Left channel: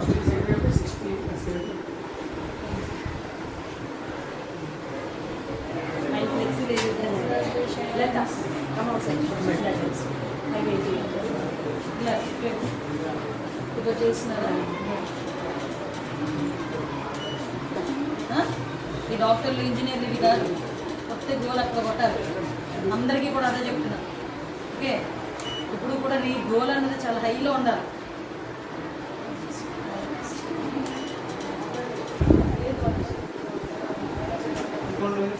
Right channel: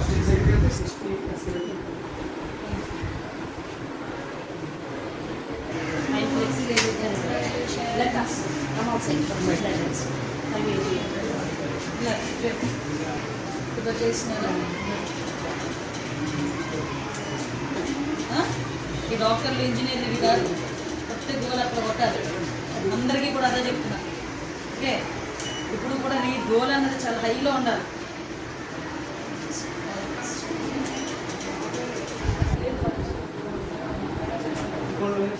First second sixty లేదు ఇలా ఇప్పుడు చేసినారా ఈ డాక్టర్లు ఇంజనీర్లు ఇవి కాదు. కొట్టే గోల్ అక్కడ కొట్టాలి. అందరికీ కూడా అదే చెప్తున్నా. ఓకే? ఇప్పుడు కూడా నీ గోల్ అన్నది చాలా హైలో ఉండాలి.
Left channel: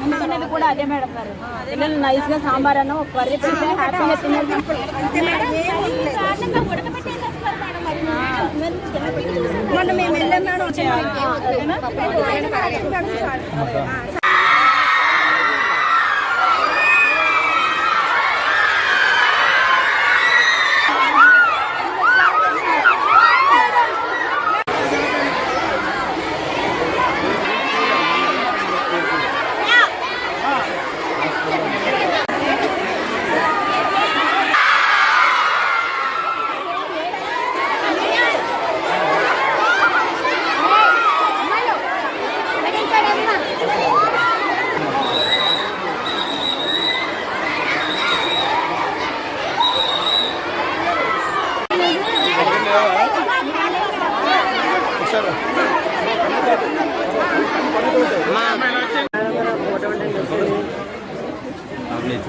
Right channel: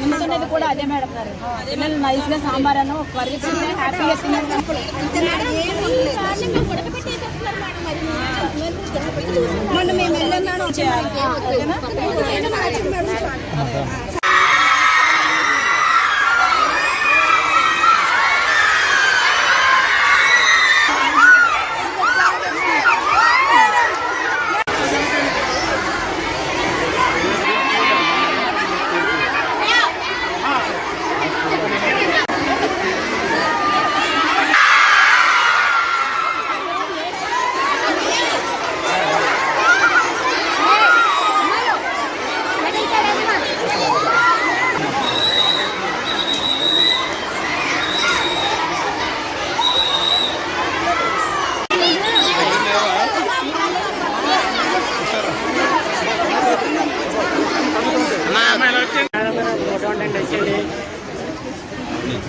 ముందుకున్నది కూడా అదే మేడం గారు. పిల్లలు నైస్గా సాంబార్ అన్న ఒక కర్రీ చేస్తే హ్యాపీగా తిన్నారు మొన్న మేము వెళ్ళాం మేడం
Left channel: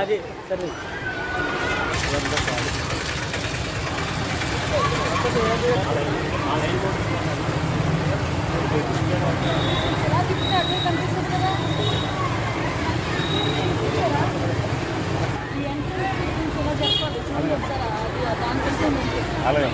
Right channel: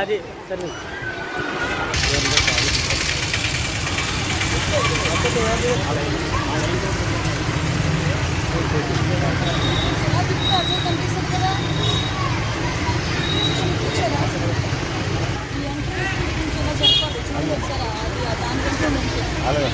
అది సరే. అలాగే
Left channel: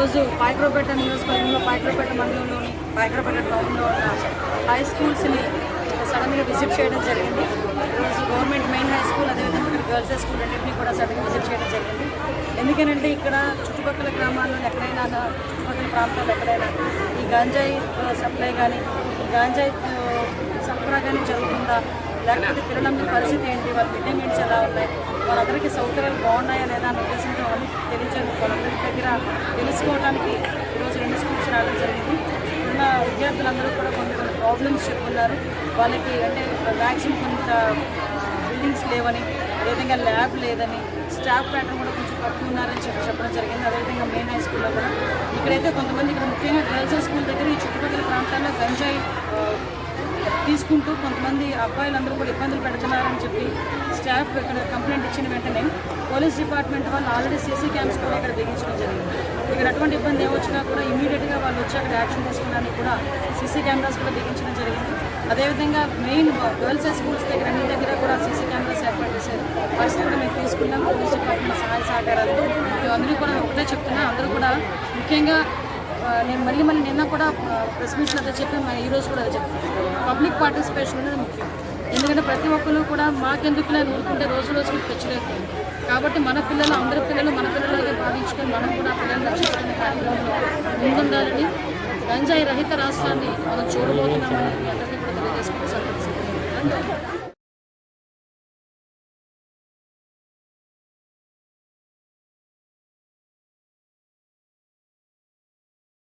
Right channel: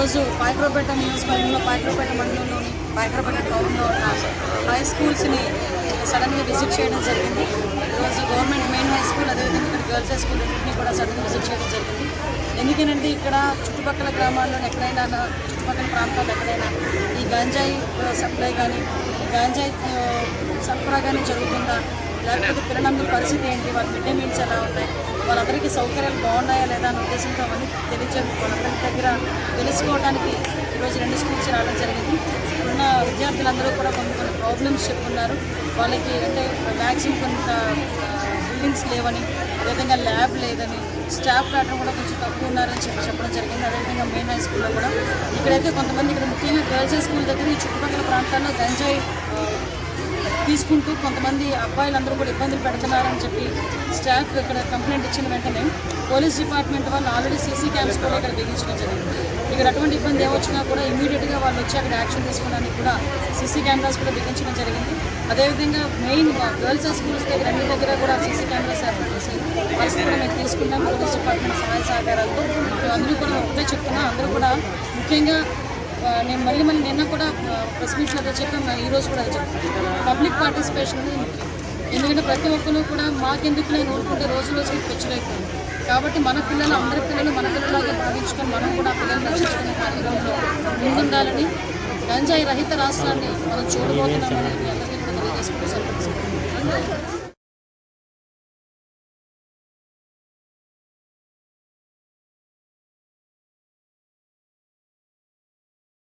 ఈరోజు పాయక్రోపేట నియోజకవర్గంలో పాయక్రోపేట మండలంలోని పాయక్రోపేట టౌన్లో ఉన్న హై స్కూల్స్ని సడన్గా విజిట్ చేయడం జరిగింది. ఈరోజు గవర్నమెంట్ మెయిన్ హై స్కూల్ అదేవిధంగా ఇక్కడ గర్ల్స్ హై స్కూల్ రెండింటినీ కూడా సడన్గా విజిట్ చేయడం జరిగింది. ఎందుకనంటే ఇక్కడ చుట్టుపక్కల గ్రామాల్లో ఎక్కడైనా చుట్టుపక్కల ప్రాంతాల్లో ఎక్కడైనా ఈ గాంజాయి సప్లై కానీ ఈ గాంజాయి సరఫరా కానీ జరుగుతుందా? లేకపోతే పిల్లలందరి పరిస్థితి ఏంటి? వాళ్ళ మిడ్ డే మీల్స్ ఎలా ఉన్నాయి? వాళ్ళందరికీ సౌకర్యాలు బాగున్నాయా లేదా అనే ఉద్దేశంతో అవన్నీ తెలియజే వాళ్ళందరి దగ్గర తెలుసుకోవడానికి ఈరోజు రెండు స్కూల్స్ రావడం జరిగింది. ఇప్పుడున్న విద్యార్థులందరూ కూడా కొన్ని కొన్ని ప్రాబ్లమ్స్ చెప్పుకున్నారు వాళ్ళకి అంటే మ్యాక్సిమం కొంత బిల్డింగ్స్ లేవని అదేవిధంగా ల్యాబ్ లేదని స్టాఫ్ ప్యాటర్న్ కూడా కొంచెం తక్కువ ఉన్నారని చెప్పి చెప్పడం జరిగింది. అదేవిధంగా మెయిన్ హై స్కూల్లో కూడా. ఇక్కడైతే కొంతమంది ఇక్కడ ముఖ్యంగా గర్ల్స్ హై స్కూల్ దగ్గర ఈ చుట్టుపక్కల ప్రాంతాల్లో గంజాయి తీసుకుంటూ కొంతమంది అబ్బాయిలందరూ కూడా ఇబ్బందులు పెడుతున్నారని చెప్పి స్టాఫ్ ఇక్కడ కంప్లైంట్ ఇచ్చిన వెంటనే పోలీస్ డిపార్ట్మెంట్ వాళ్ళు ఆల్రెడీ సీసీ క్యామ్స్ కూడా ఇక్కడ బిగించడం జరిగింది. ఇక్కడ అటువంటి ఇబ్బంది ఏమొచ్చినా కూడా ఇమీడియట్గా వాళ్ళు వచ్చి అక్కడ యాక్షన్ తీసుకోవడానికి కూడా సీసీ కెమెరాస్ కూడా బిగించడం జరిగింది. అదేవిధంగా మెయిన్ గర్ల్స్ హై స్కూల్స్ దగ్గర అన్ని దగ్గర కూడా సీసీ కెమెరాస్ ఏర్పాటు చేసే పరిస్థితి కూడా మేము తీసుకున్నాం. పోలీస్ డిపార్ట్మెంట్ సహాయ సహకారాలతో. మేము అందరూ కూడా ఒకటే చెప్తున్నా అందరూ కూడా ముఖ్యంగా నేను మళ్ళీ మళ్ళీ నిన్న కూడా ప్రెస్ మీట్లో అదే చెప్పాను ఈరోజు కూడా అదే చెప్తాను పబ్లిక్ పార్టిసిపేషన్ అనేది ముఖ్యం. ఎందుకంటే ప్రతి ఒక్కరు కూడా మాకెందుకులే ఊరుకుంటే రోజు రోజుకి పెంచలేకపోయింది కాబట్టి మన పిల్లలు అందరి పిల్లలు మన పిల్లలాగే భావించుకొని మనం కూడా పిల్లల్ని రక్షించుకునే కార్యక్రమంలో ముందుండాలని గంజాయి రహిత రాష్ట్రాన్ని మనం చూడబోతున్నామని మీ అందరికీ కూడా తెలియజేసుకుంటూ సెలవు